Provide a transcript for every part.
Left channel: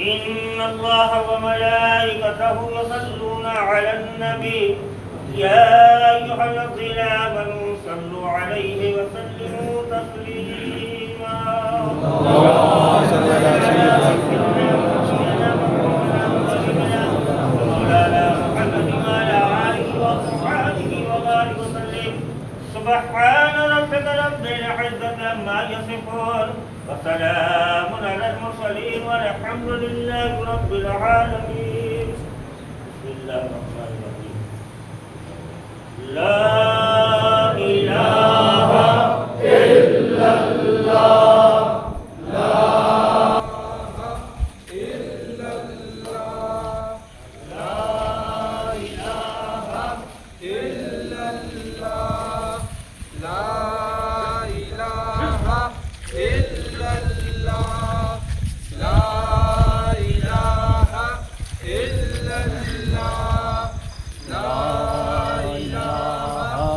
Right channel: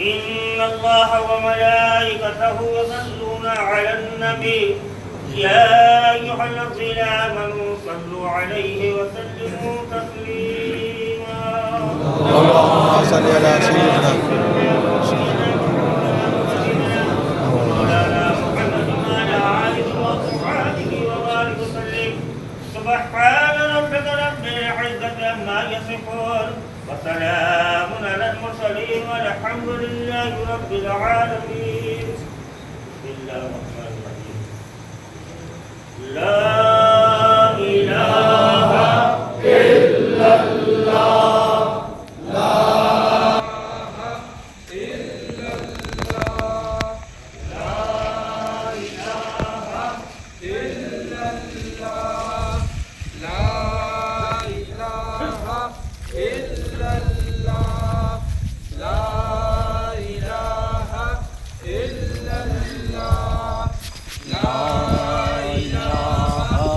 إن الله وملائكته يصلون على النبي يا أيها الذين آمنوا صلوا عليه وسلموا تسليما اللهم صل على سيدنا مولانا محمد وعلى آله وصحبه وبارك وسلم سبحان ربك رب العزة عما يصفون وسلام على المرسلين والحمد لله رب العالمين. بسم الله الرحمن الرحيم. لا إله إلا الله لا إله إلا الله لا إله إلا الله لا إله إلا الله لا إله إلا الله لا إله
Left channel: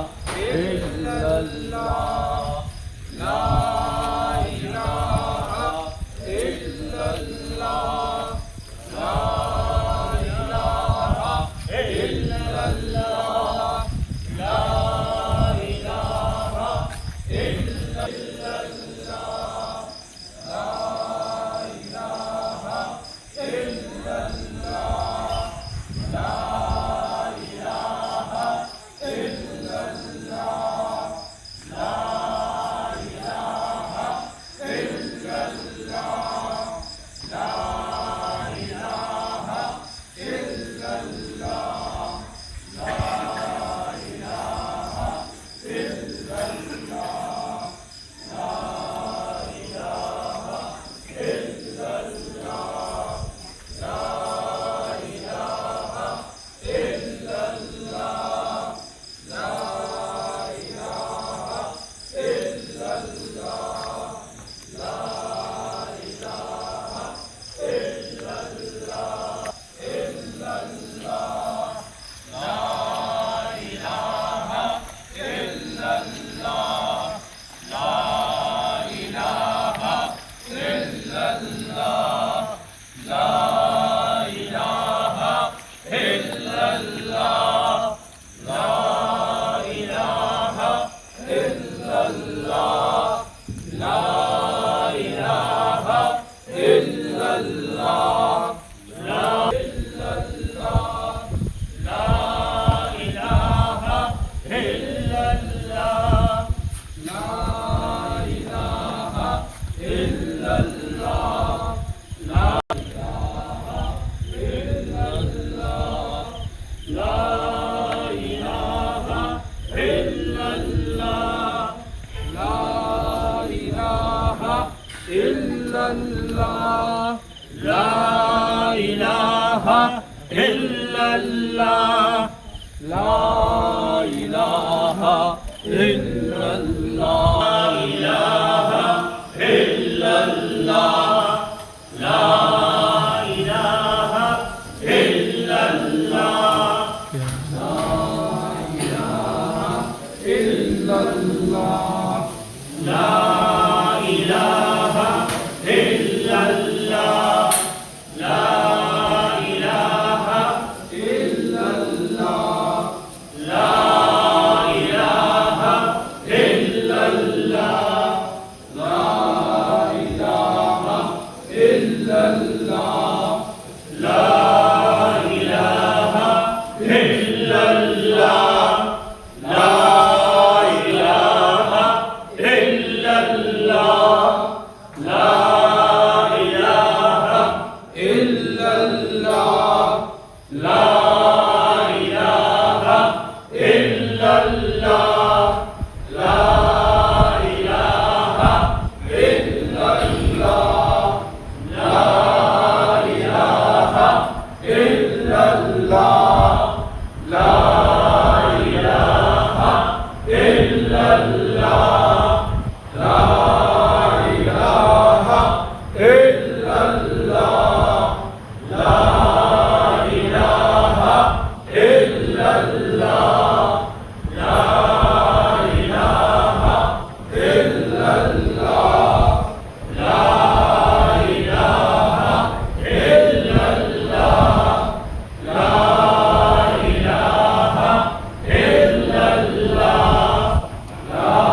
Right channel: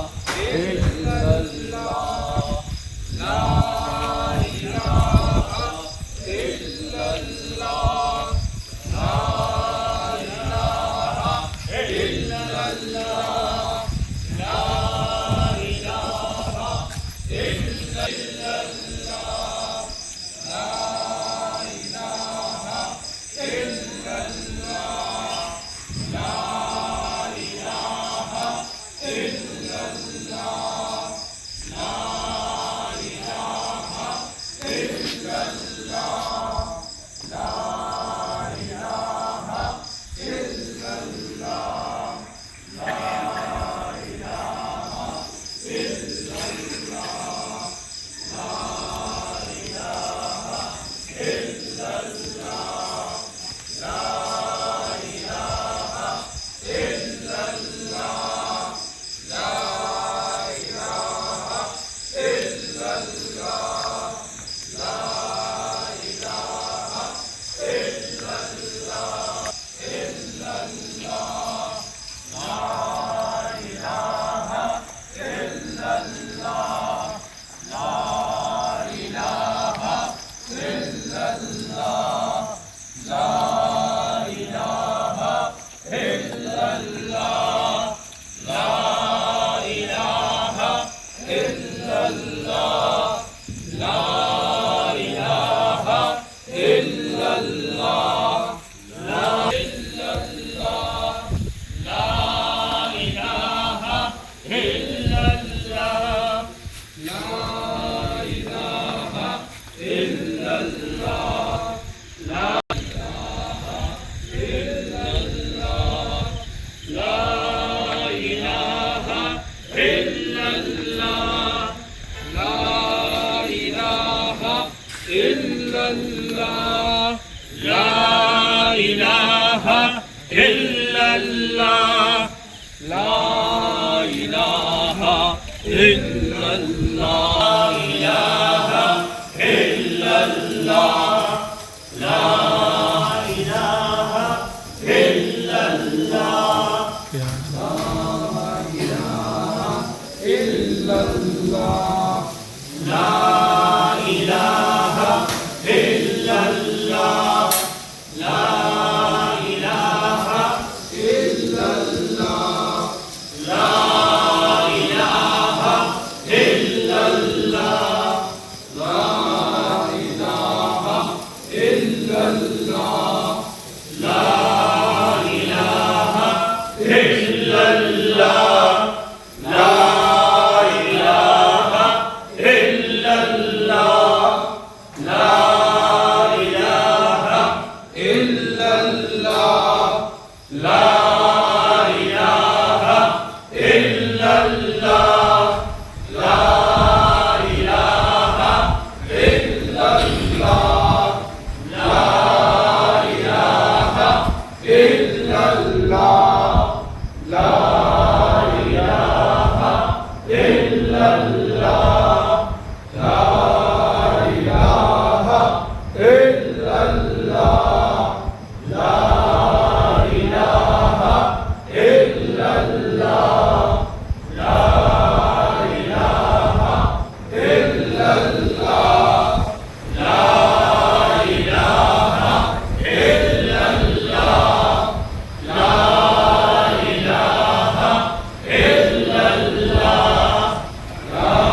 La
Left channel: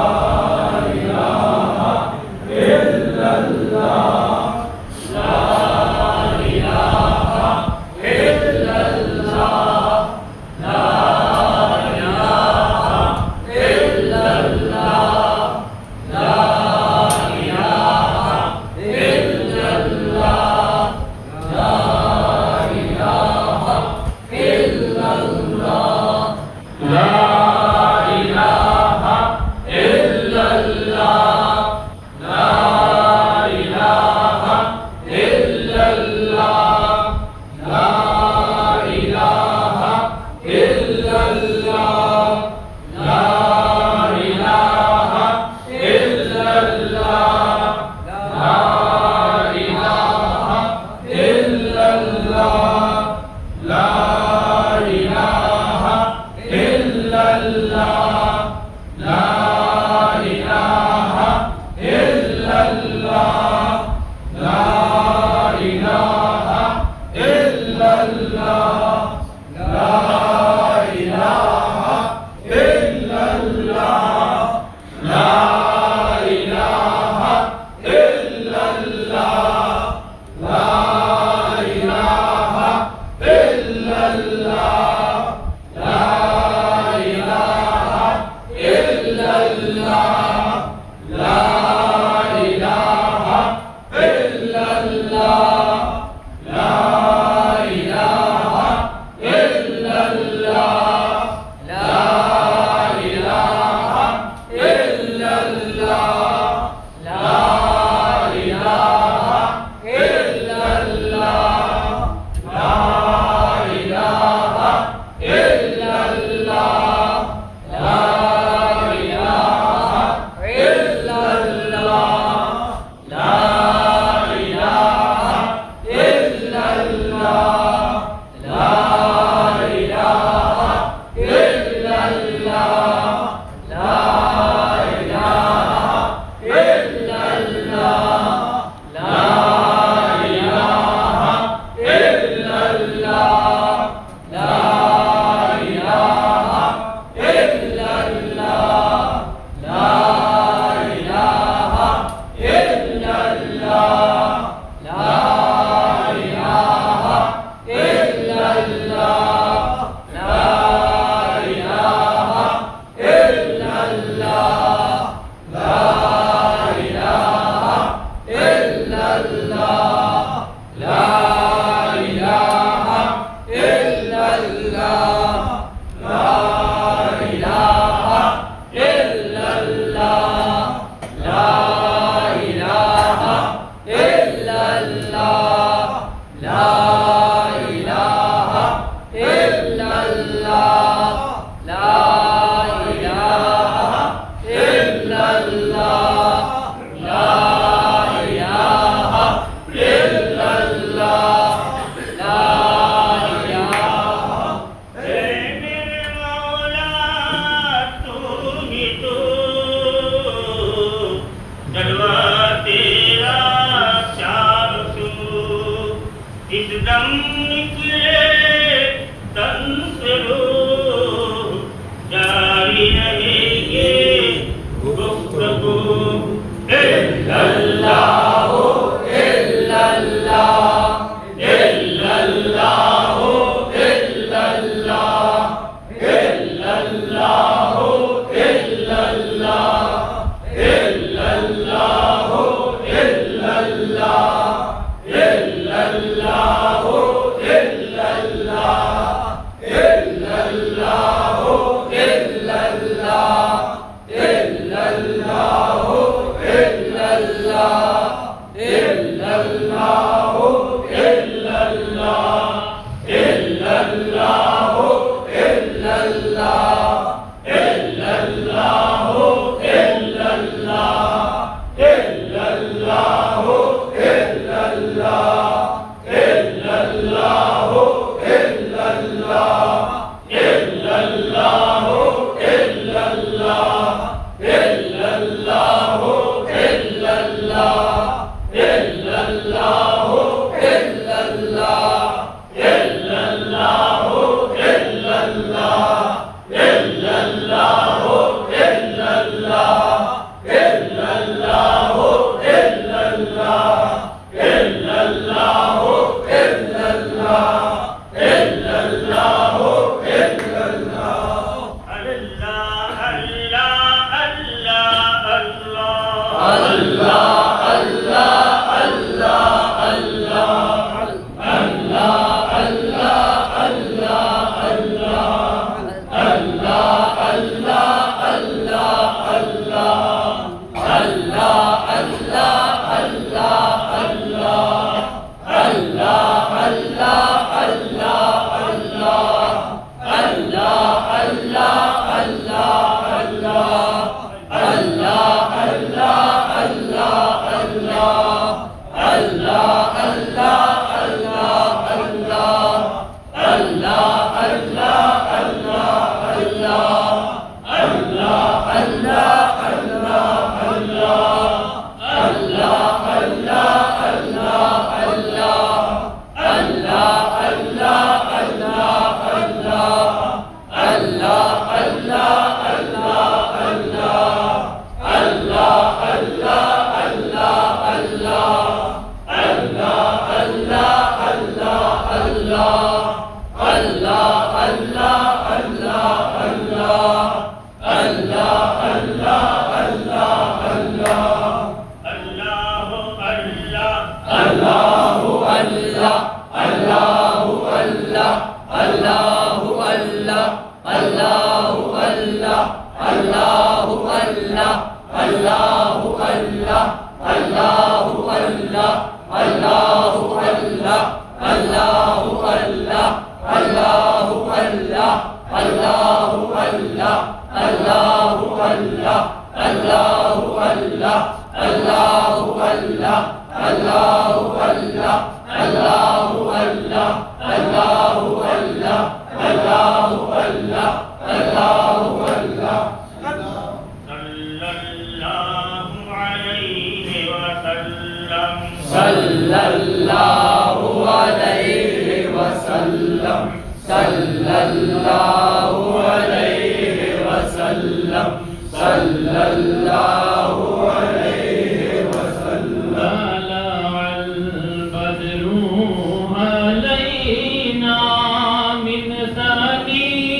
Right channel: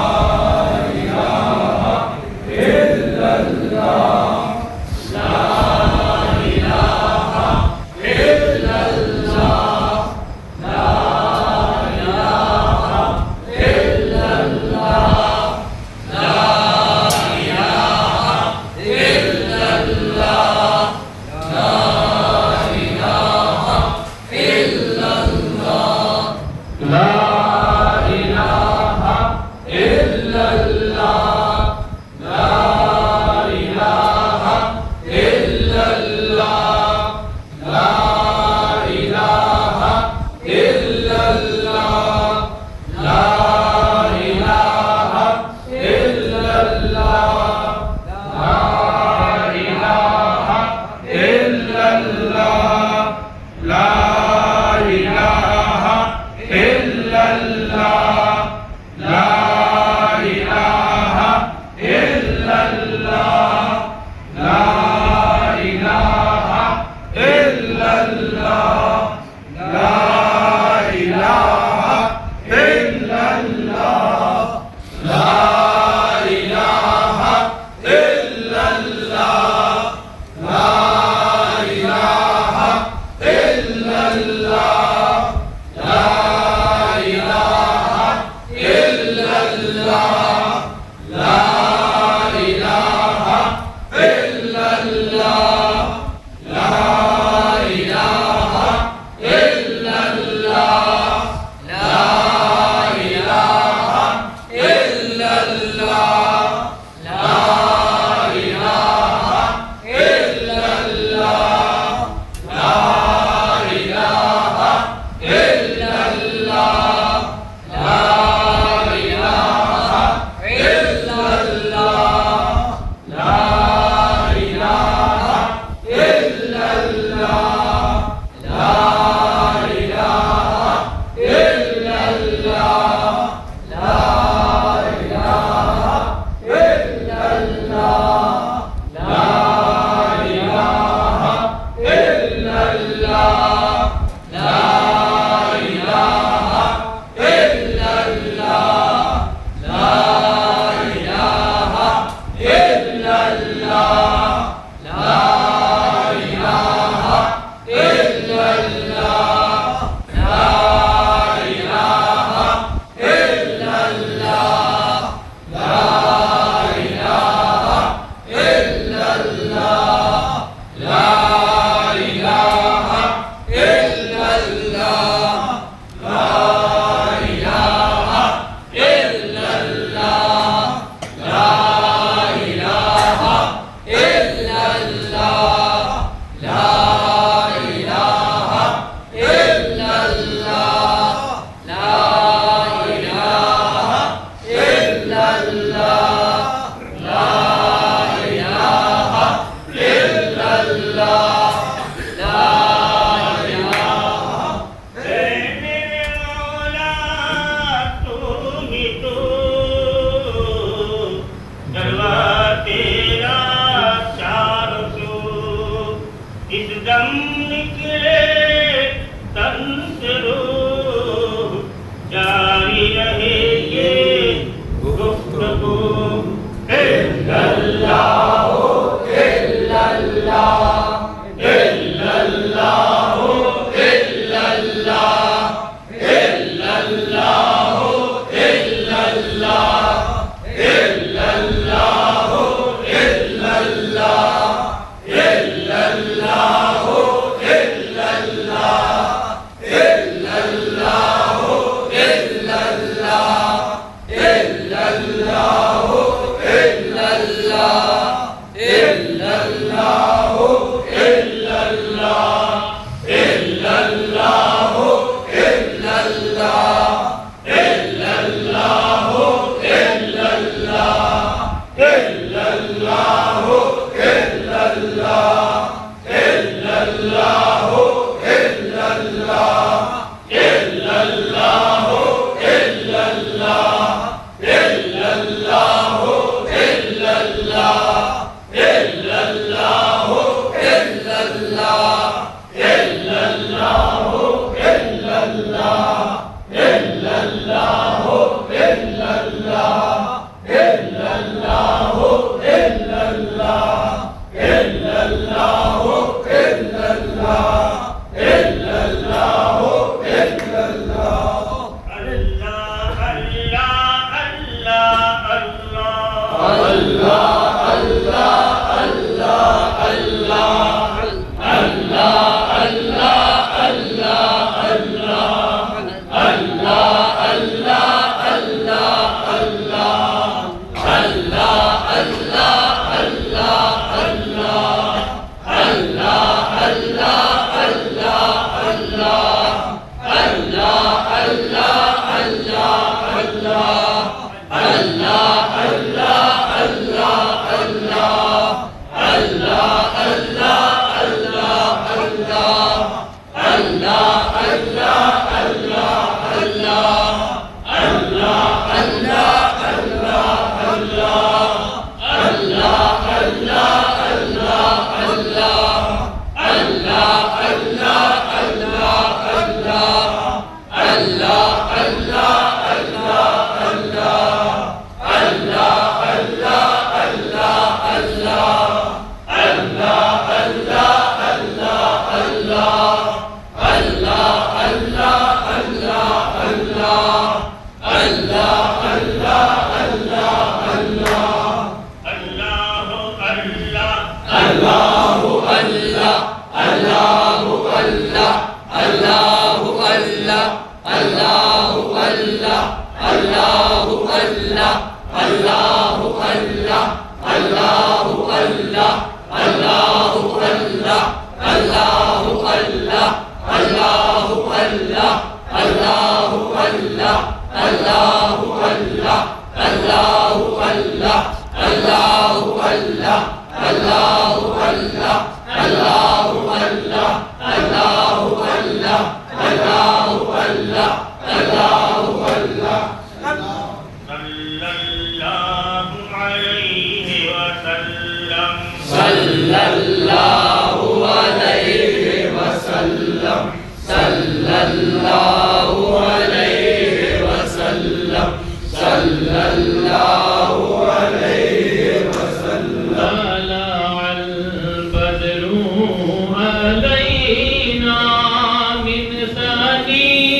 من ثنيات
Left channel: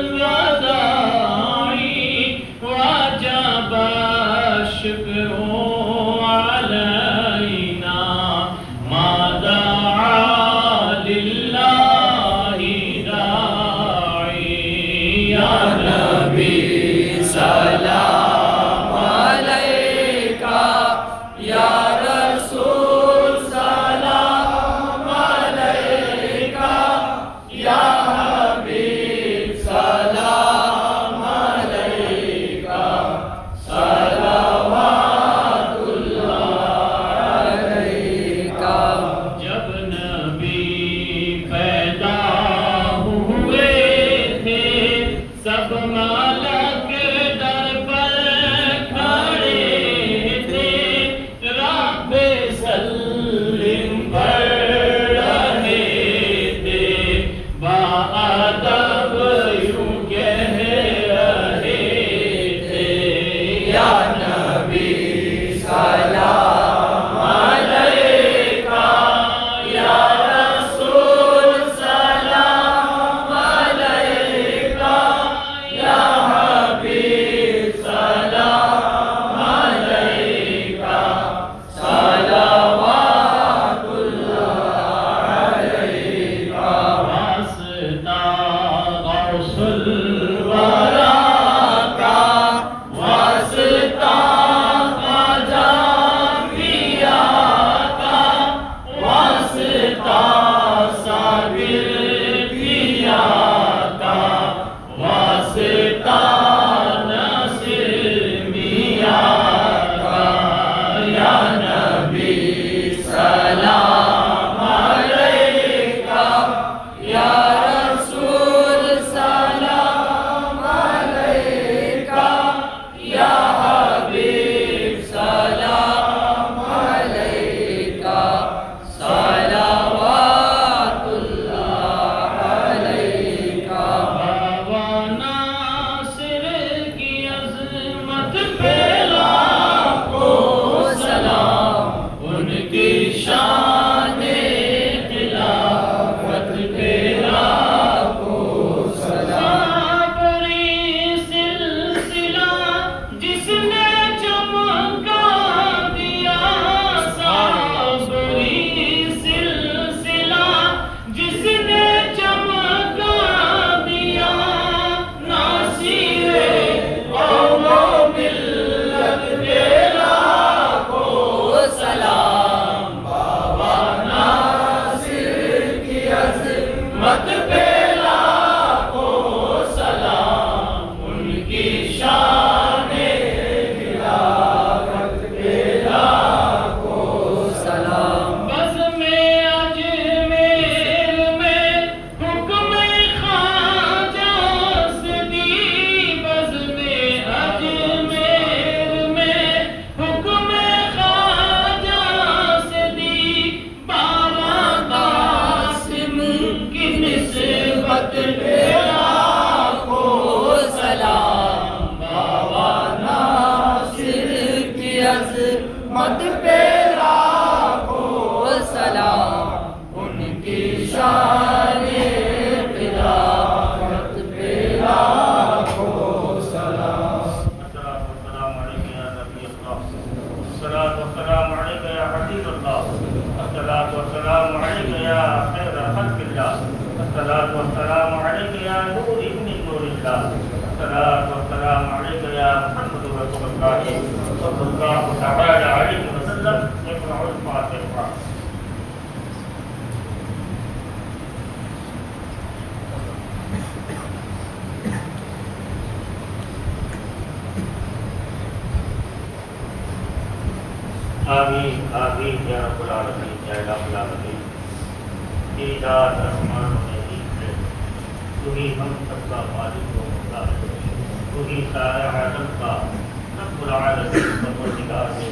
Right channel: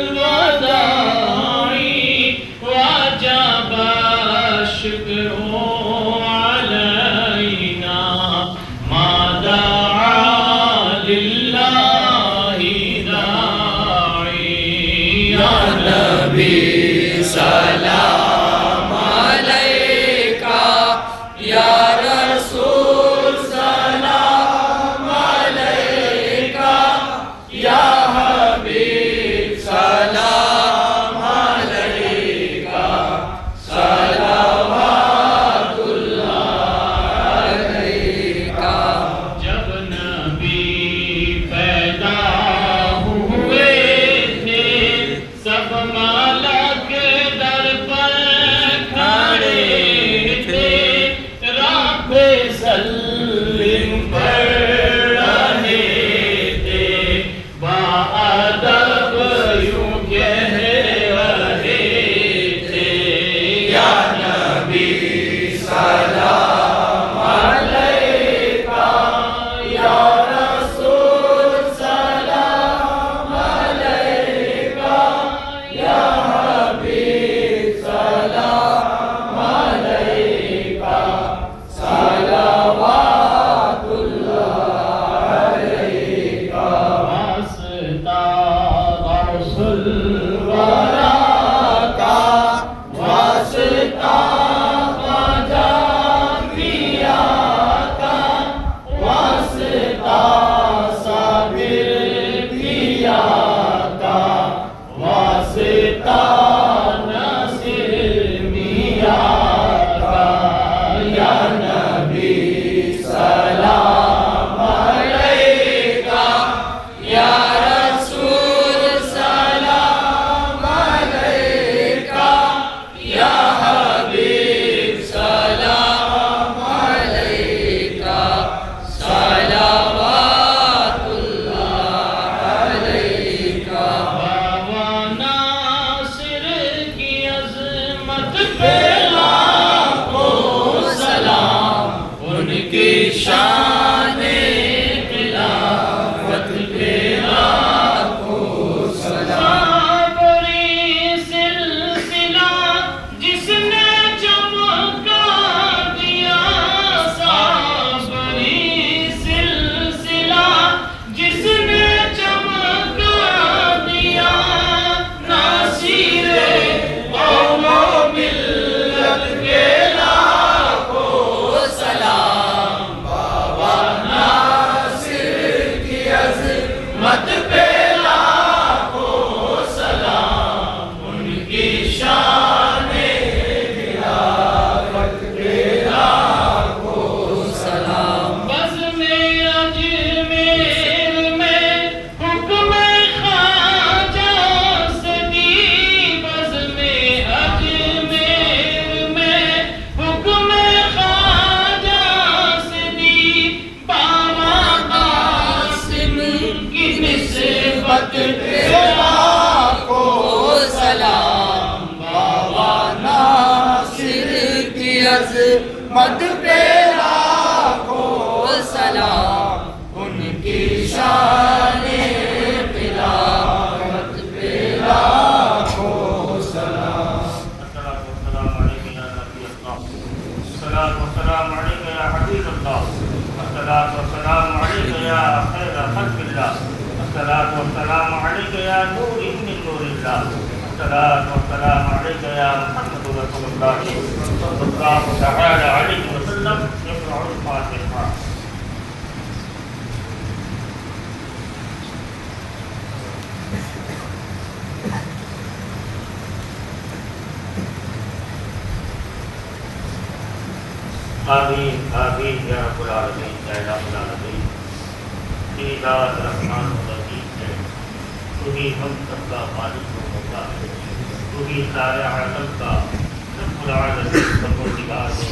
الوداع शान खिलाफत पे लाखों सलाम। बड़ी सिलसिला जिसने चमका दिया, साबरी सिलसिला जिसने चमका दिया, नासिर कौमो मिल्लत के लाखों सलाम। बाबा नासिर की अज़मत पे लाखों सलाम, उनकी शान खिलाफत पे लाखों सलाम। बज़्म-ए अजमेर में हुक्म ख्वाजा से दी, बज़्म-ए अजमेर में हुक्म ख्वाजा से दी, बाबा कासिम की निस्बत पे लाखों सलाम। बाबा नासिर की अज़मत पे लाखों सलाम, उनकी शान खिलाफत पे लाखों सलाम। الصلاة والسلام عليك يا حبيب الله. الصلاة والسلام عليك يا خير خلق الله. الصلاة والسلام عليك يا نور من نور الله. الصلاة والسلام عليك يا محمد رسول الله صلى الله تعالى عليه وسلم. يقرأ الفاتحة. आमीन आमीन या रब्बल आलमीन या रब्बल आलमीन। तेरा रहमान और रहीम है, तू ही हम सबका खालिक व मौला है, तू ही सारे आलम का रब्बुल आलमीन परवरदिगार है।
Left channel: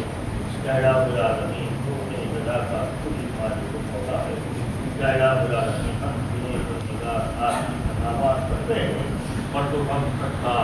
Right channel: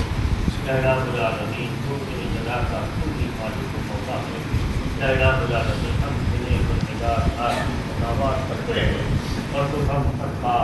या रब्बल आलमीन तू ही जला का तू ही खालिक व मौला है। या रब्बल आलमीन हम तेरे परवरदिगार आज नमाज पढ़ते हैं और तू हम सबका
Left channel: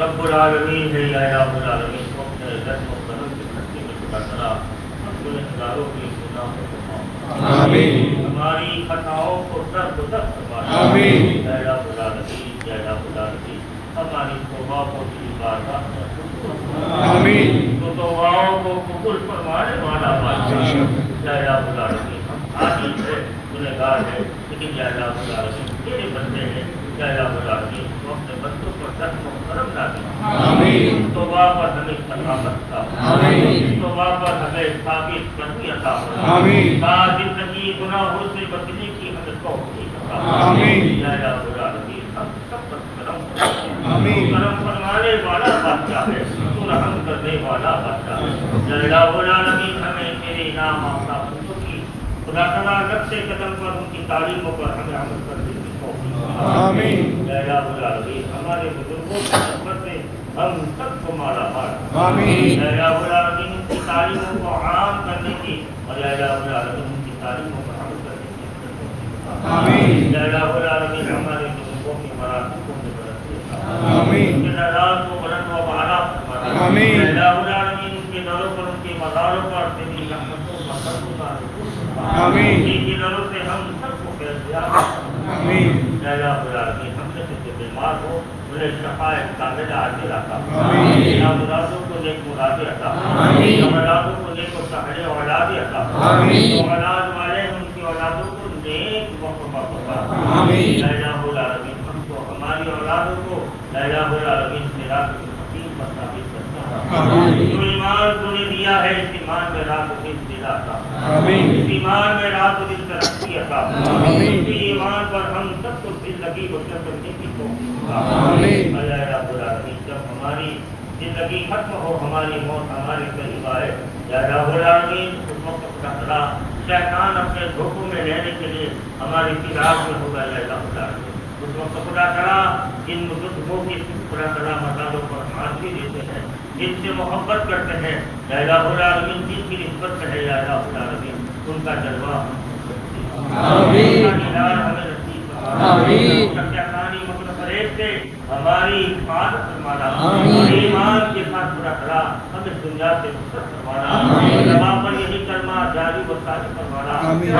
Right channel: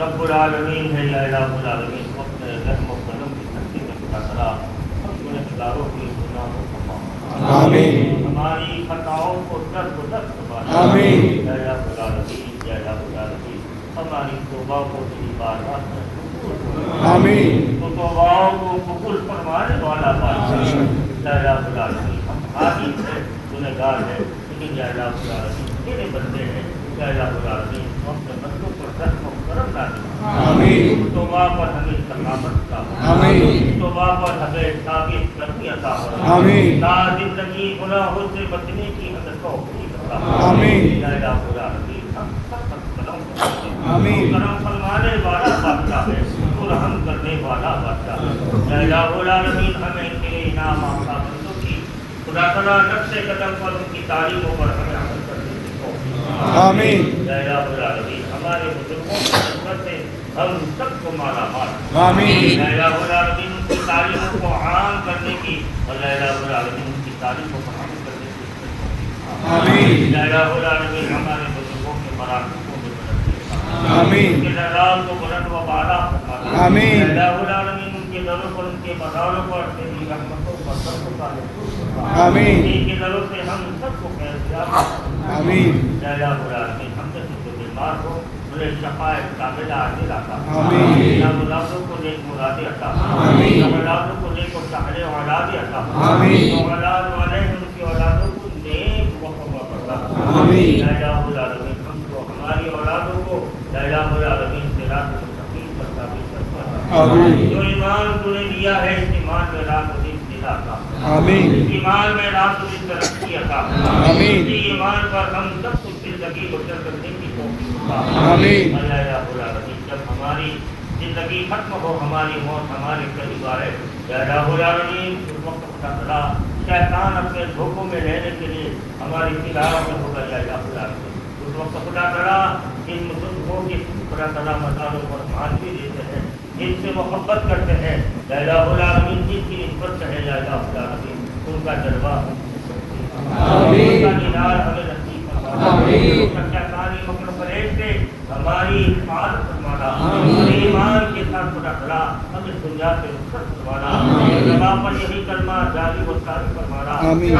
रब्बुल आलमीन है। या रब्बुल आलमीन को अपने रहम और करम से धरती में खुदा तआला हम गुनहगारों के गुनाहों को माफ कर। आमीन। हमारी खताओं को दर फरमा। आमीन। या रब्बुल आलमीन या रब्बुल आलमीन हमारी तौबा को तेरी बारगाह में कबूल फरमा। आमीन। तो तौबाओं को कबूल फरमाने वाला बादशाह या रब्बुल आलमीन हम आदि से गुनहगार हैं, लेकिन या रब्बुल आलमीन तेरे बंदे हैं। या रब्बुल आलमीन अपने बंदों पर रहम और करम डालिए। आमीन। तौबा पर हमें सलामत का, आमीन। तौबा पर हमें साबित करनी अता फरमा। आमीन। जिंदगी गुनाहों से बचने की हमें तौफीक अता फरमा। आमीन। या रब्बुल आलमीन हम सब पर करम फरमाइए। आमीन। करम फरमाने वाला बादशाह है, तू रहम करने वाला बादशाह है। या रब्बुल आलमीन हमें तेरे इनाम आता बंदों की खुदा तआला नक्शे कदम पर उनकी तालीमों पर हमें अमल करने की तौफीक अता फरमा। आमीन। या रब्बुल आलमीन हमारे बुजुर्गों की खिदमत से हम सबको माला माल। आमीन। या रब्बुल आलमीन उनकी तालीमों को आम करने की और या रब्बुल आलमीन उनकी तालीमों पर अमल करने की आमीन। या रब्बुल आलमीन हमारे बुजुर्गों के मरातबों में बढ़ती आमीन। उनके दराज को बुलंद व बाला फरमा। आमीन। या रब्बुल आलमीन उनके दरों पर उनके मज़ारों पर तेरी रहमतों का सबको तारीफ फरमा। आमीन। इनके दरों से हम सबको फैज़याब फरमा। आमीन। या रब्बुल आलमीन हमसे जो बीमार हो उन्हें शफ़ाए कामिला आजिल अता फरमा। आमीन। औलादों को नेक मुरादें अता फरमा। आमीन। औलादों को नेक और साहिल औलादें अता फरमा। आमीन। औलाद वाले हैं उनकी औलादों को नेक वक़्फ़ा फरमा। आमीन। या रब्बुल आलमीन हमको हमारी औलादों को या रब्बुल आलमीन सिरात मुस्तकीम पर साबित करना। आमीन। जो ईमान तूने दिया है इस ईमान में रात दिन दिलाता। आमीन। इस ईमान में रात दिन तरक्की अता। आमीन। इस ईमान पर हम सबको जिंदगी बसर करने की तौफीक अता। आमीन। या रब्बुल आलमीन जब हमारी जिंदगी खत्म हो, हमारी मौत हमारे करीब आए, या रब्बुल आलमीन उस वक्त अपना बड़ा शैतान अपने धोखों में रहने के लिए हमारे खिलाफ में होगा। या रब्बुल आलमीन उस वक्त खुदा तआला इन बुजुर्गों की खुदा तआला मज़ारों पर हाजिरी देते हैं, जिनसे मोहब्बत करते हैं। या रब्बुल आलमीन जिनकी निस्बत है या रब्बुल आलमीन उनका जलवा आमीन। उनका दीदार हमें नसीब फरमा। आमीन। सत्याकानी मुकद्दर फरेब से हमारी हिफाजत फरमा फरमाना और ईमान के साथ खुदा तआला हमें दुनिया से नुसरत फरमाना जमा पर यही कलमा जारी व सारी फरमाना आमीन।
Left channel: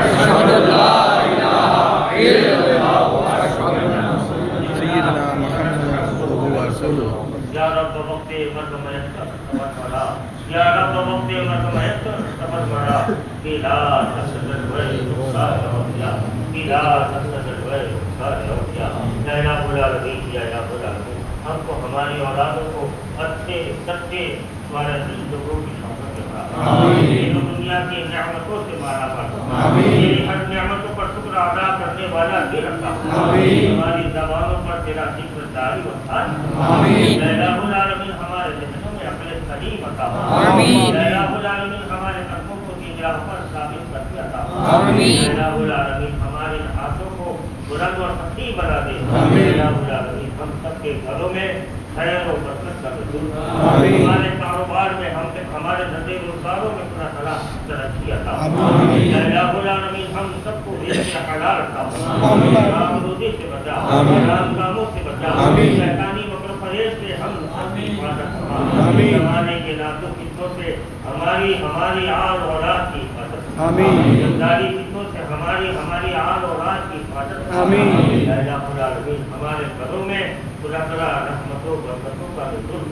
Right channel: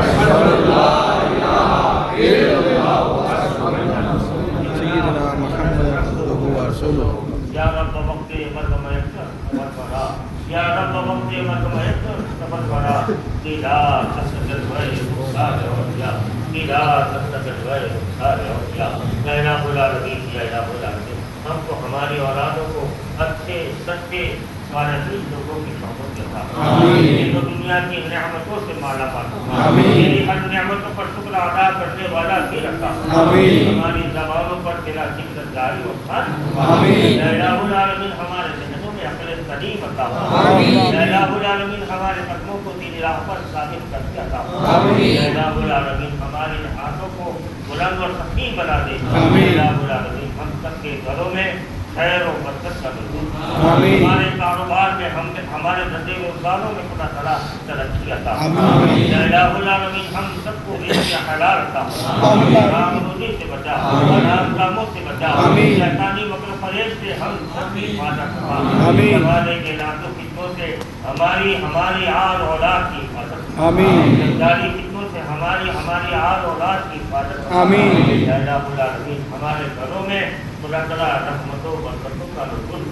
सय्यदना मुहम्मद अब्दुहु व रसूलुहु। या रब वक्त मर्द मयसर सबर करा या रब वक्त मर्द मयसर सबर करा तेरा तसल्लुल वय सारे और या तेरा तसल्लुल वय सारे और या या रब्बुल आलमीन या रब्बुल आलमीन हमको हमारी औलादों को अच्छे सच्चे स्वालिहीन लोगों की सोहबत में रखा आमीन। दुनिया की नेमतों से माला मार आमीन। हर नेमतों पर शुक्र अदा करने वाला भी रखा आमीन। हमारी ज़बानों पर तेरा जिक्र जारी और सारी आमीन। या रब्बुल आलमीन हमारे ज़हनों में अक्ल सलीम अता आमीन। या रब्बुल आलमीन हमारे कदमों को दीन राह पर साबित करके अता आमीन। या रब्बुल आलमीन हमारे हाथों को बुलंद और सही बना दे आमीन। या रब्बुल आलमीन हम सबके घरों में खैर और बरकत का नज़ूल आमीन। हमारे कारोबार में हमारे धंधे रोजगारों में खुदा तआला तरक्की अता आमीन। या रब्बुल आलमीन हम सबको रिज़्क़ हलाल अता आमीन। हराम रोज़ी से बचा हराम कामों से बचा शैतानी मकर फरेब से हम सबकी हिफाजत फरमा आमीन। ज़माने के नाज़ुक फितनों से हमारी आल औलाद की हिफाजत आमीन। जंजाली फितनों से हमारी आल औलाद की हिफाजत आमीन। या रब्बुल आलमीन हमारे घरों में खुदा तआला रहमतों बरकतों का नुज़ूल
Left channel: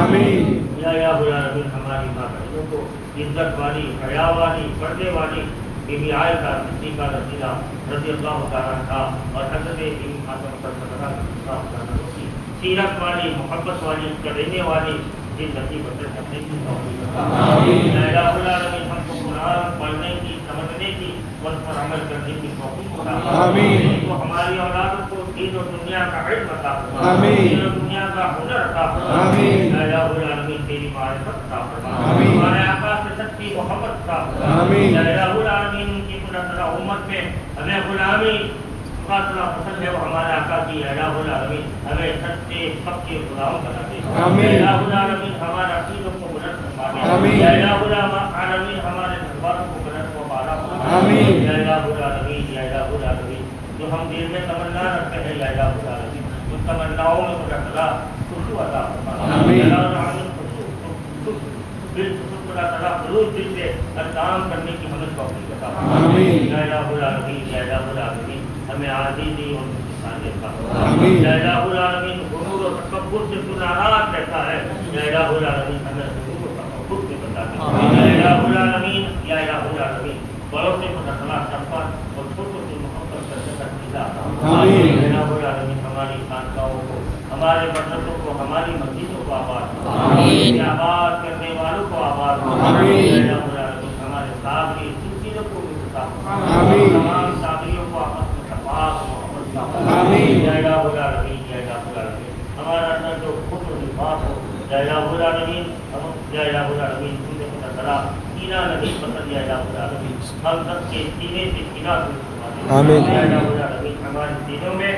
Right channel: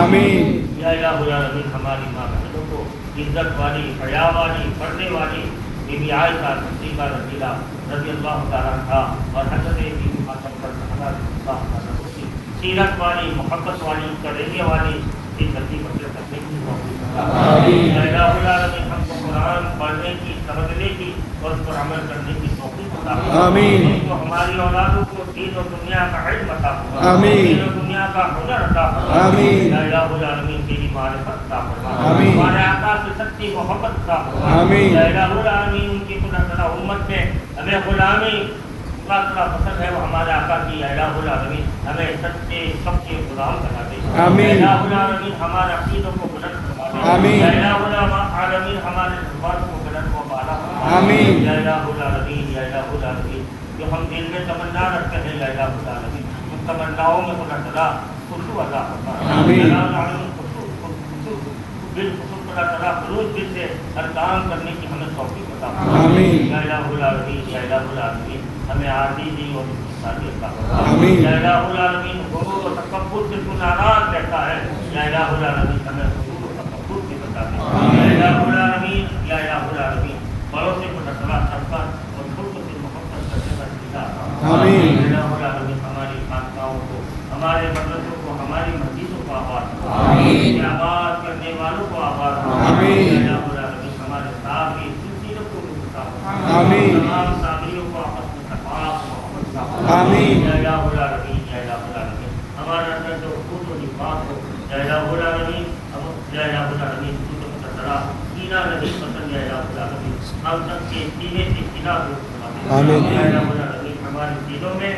आमीन। या रब्बुल आलमीन हमारी माँ बहनों को इज्जत वाली हया वाली पर्दे वाली बीबी आयशा सिद्दीक़ा रज़ियल्लाहु तआला अन्हा और हज़रत बीबी फातिमा रज़ियल्लाहु तआला की सीरत वाली मोहब्बत वाली कलेजे वाली ज़िंदगी बसर करने की तौफ़ीक़ अता आमीन। या रब्बुल आलमीन हमको कुरान पढ़ने की समझने की और उस पर अमल करने की तौफ़ीक़ अता आमीन। हमको हमारी औलादों को दीन और दुनिया का इल्म अता आमीन। दीन और दुनिया का हुनर अता आमीन। या रब्बुल आलमीन तेरी मारिफत अता आमीन। हमारे आका से सच्ची मोहब्बत अता आमीन। या रब्बुल आलमीन उनकी खुदा तआला उम्मत में हमें गुलामी खुदा तआला पसंद है वो हमारे आका की या रब्बुल आलमीन हमें सच्चे सबके गुलाम बना दे आमीन। या रब्बुल आलमीन हमारे अकीदों को बुलंद फरमा दे आमीन। या रब्बुल आलमीन हमारे ज़बानों को बुलंद व बाला फरमा दे आमीन। या रब्बुल आलमीन जो हम दिल में तमन्ना रखते हैं या रब्बुल आलमीन उन तमन्नाओं में खुदा तआला खुशू अता फरमा आमीन। या रब्बुल आलमीन दिल खुदा तआला खुलूस दिल से हर काम करने की हमें तौफ़ीक़ अता आमीन। या रब्बुल आलमीन हमें आज़ीज़ी और इंसानियत अता आमीन। या रब्बुल आलमीन गुरूर और तकब्बुर से तू नाराज़ रहता है या रब्बुल आलमीन हमें गुरूर और तकब्बुर से बचा दे या रब्बुल आलमीन बड़ों से खुदा तआला शफ़क़त और छोटों से मोहब्बत का जन्नत दिला आमीन। या रब्बुल आलमीन हमारी खानकाहों को हमारे मदरसों को हमारी मस्जिदों को आबाद आमीन। आबाद करने वालों को आबाद आमीन। या रब्बुल आलमीन हमारे साथी सिलसिलों को भी बचा आमीन। तमाम साथियों को आपस में तफाक मोहब्बत का आमीन। या रब्बुल आलमीन हमारे अंदर जो खूब निफाक हो या रब्बुल आलमीन जिनको खुदा तआला कीना नहीं पसंद या रब्बुल आलमीन हम सबके सीने से कीना को आमीन। या रब्बुल आलमीन हमारे दिलों में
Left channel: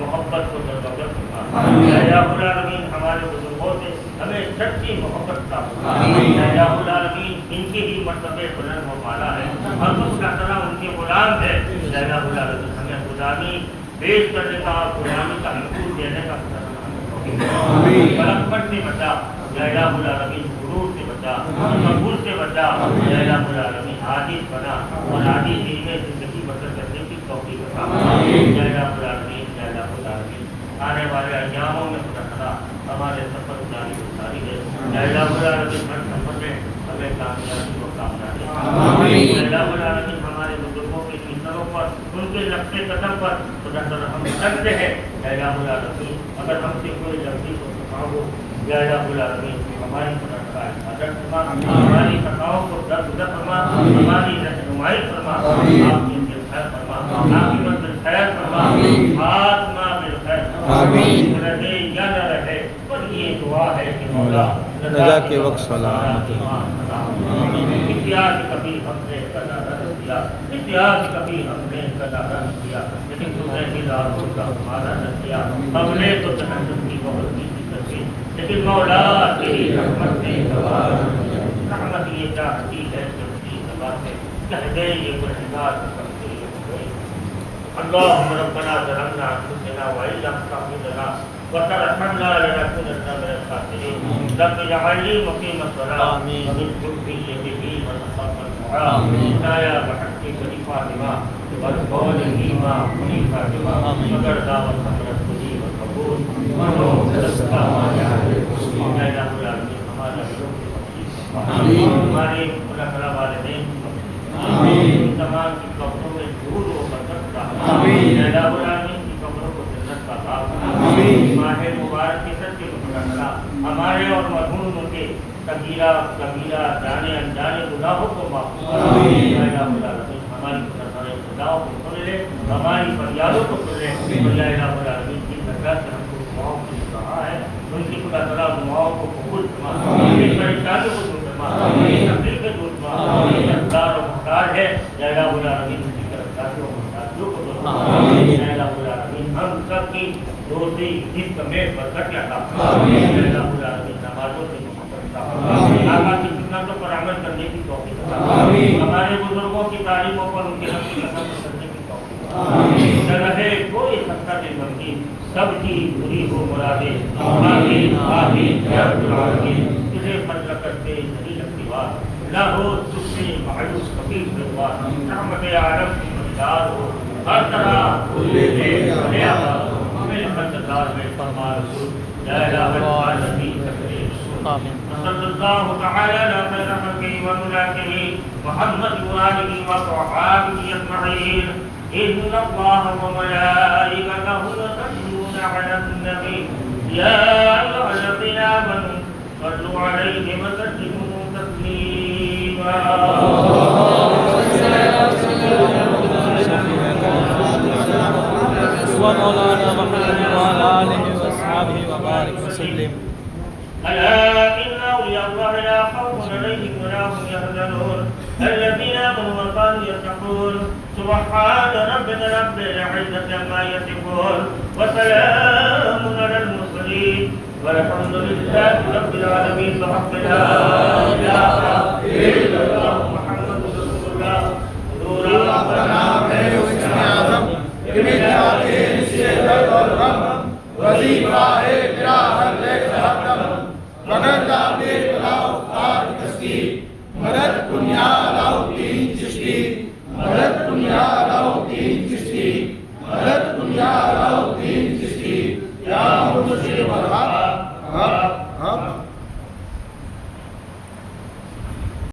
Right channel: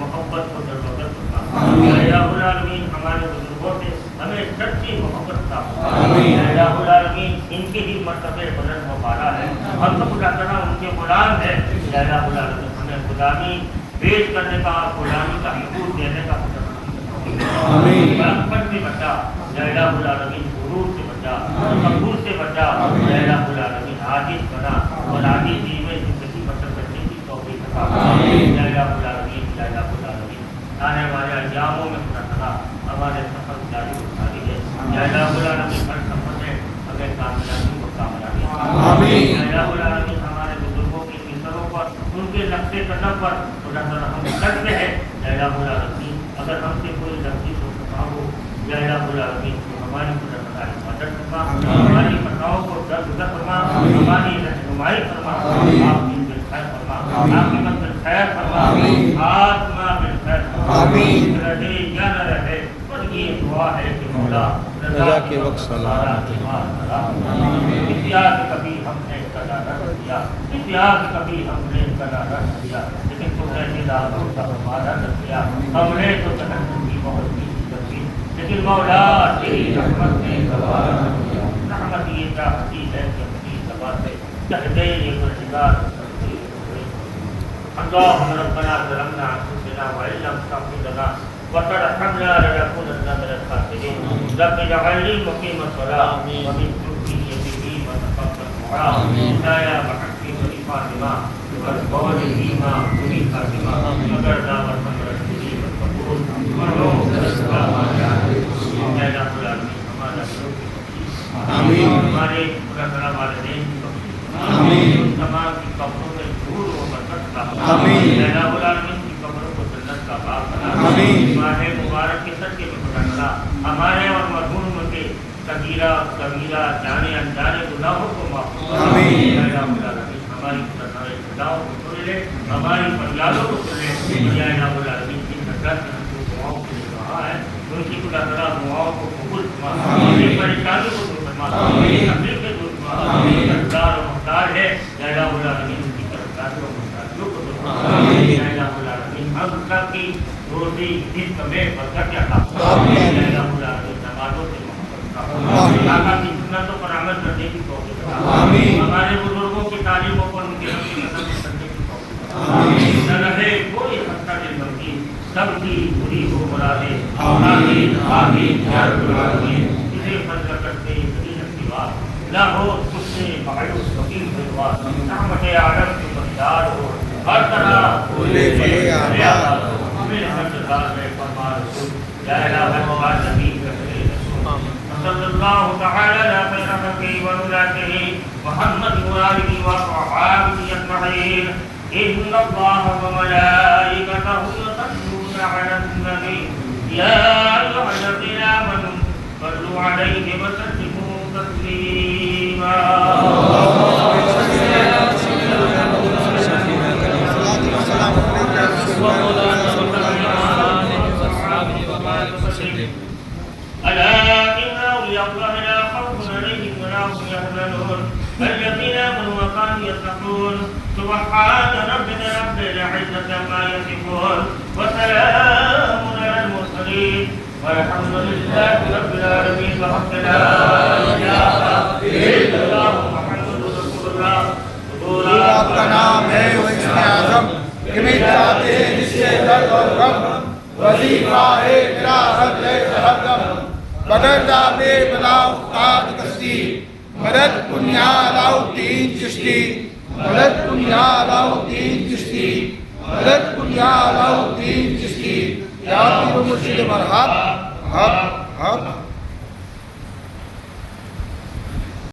मोहब्बत को दरबदर फरमा आमीन। या रब्बुल आलमीन हमारे बुजुर्गों से हमें सच्ची मोहब्बत का आमीन। या रब्बुल आलमीन इनके ही मर्तबे बुलंद व बाला है हम तो खुदा तआला उनके गुलाम है या रब्बुल आलमीन हमें गुलामी पेश करने का और गुलामी का हुकूक देने का आमीन। बरकत से बचा या रब्बुल आलमीन गुरूर से बचा कबूल से बचा या रब्बुल आलमीन आजिज़ बना और आजिज़ी में ज़िंदगी बसर करने की तौफ़ीक़ अता आमीन। या रब्बुल आलमीन आने वाले अय्यामों में खुदा तआला हमारे सफ़र जारी सारी है या रब्बुल आलमीन हर सफ़र में हमें कामयाबी व कामयाबी आमीन। या रब्बुल आलमीन हमारे बुजुर्गों की कीमतों पर उनके नक्शे कदम पर खुदा तआला हम चलते हैं या रब्बुल आलमीन अगर हमसे कोई गलती हो खता हो या रब्बुल आलमीन हमारी खुदा तआला हिफाजत फरमा हमारी खताओं को दरगुजर फरमा हमारी रहनुमाई फरमा आपकी खैर फरमा आपकी मंजिल खैर फरमा आत्मा बिल खैर आमीन। रहे या न रहे पर ये दुआ है कि मौला रज़ा के वक्त सलाम इतिहास कभी हमने कदा रख दिया इतिहास कभी हमने कदा रख दिया लेकिन तुमने हिदायतों का हमारा रख दिया हमने तो तकद्दुम की बहुत की तस्वीर लेकिन मौला तेरी रहमत ने गवाह किया रहमत ये चाहती है कि अपनी दवा से कह दे ये गुनहगार करते हुए अल्लाहुम्मा रब्बना ज़लमना अनफुसना व इन लम तग़फिर लना व तरहमना लनकुनन्ना मिनल रब जअलनी मुकीम अस्सलात आमीन कुर्बी व तक़ब्बल दुआ खुदाया बहक़्क़ि शरीफा निमा व कौल नीमा मुनीफा निमा मगर दावत हमरत खुदी व कबूल मनो दस्ता माया मैला बुला हमारा आमीन हमारे पुराना वालिदैन आमीन तमाम की कब्रों में नूर व बरकत का आमीन मैला बुला की कब्रों को जन्नत का बाग बना आमीन माह मुबारक के सदके में खुदा हमारे और मरहूम के कबीरा कबीरा जाने अनजाने गुनाहों को माफ आमीन हमारी खुदाओं को सुन ले हमारी फरियादों को सुन ले की नजर से हमको दुआओं के लिए कहा है उनकी खुदा तआला दुआओं को कबूल फरमा उनकी परेशानियों को दूर फरमा उनकी तकलीफ को दूर फरमा उनकी दरकार और मुहताज है या रब्बुल आलमीन उनकी दरकार और मुहताजों को दूर फरमा या रब्बुल आलमीन हम सबकी रोजी रिज़्क़ में बरकत अता फरमा या रब्बुल आलमीन नमाज़ों से आका की सुन्नतों पर अमल करने की तौफीक अता आमीन हमारे बुजुर्गों की तालीमों पर उनके कदम चलने की तौफीक आमीन न रहे कोई खस्ता दिल बंदी सबकी पूरी हो मुरादे आमीन आमीन या रब्बुल आलमीन तुझे फजल करते सभी नसीबात ना हो तुझसे मायूस फकीर बेवा रहमत आलम की मदद हो हर तरह बोले या मेरे फजलदार में फरमा रसूल या इलाहा नबी सल्लल्लाहु तआला अलैहि वसल्लम व मुलाक़िही मुहम्मद व आलिही व सहाबिही अजमईन इन्नल्लाह व मलाइकतहु यसल्लूना अलन नबी या अय्युहल्लज़ीना आमनू सल्लू अलैहि व सल्लिमू तस्लीमा الذين آمنوا وكانوا يتقون سبحان ربك رب العزة عما يصفون وسلام على المرسلين والحمد لله رب العالمين وحق لا إله إلا الله محمد رسول الله حضور आपका नाम है उसमें आज़म इमिताते निश्चय दर्द और गम वजीफा है मेरा हर तरफ बदलता बेबलाव ताज कश्ती मदद कुन्या लाउद्दीन चिश्ती मदद कुन्या लाउद्दीन चिश्ती मदद कुन्या लाउद्दीन चिश्ती या मुर्शिद मरहब हक हक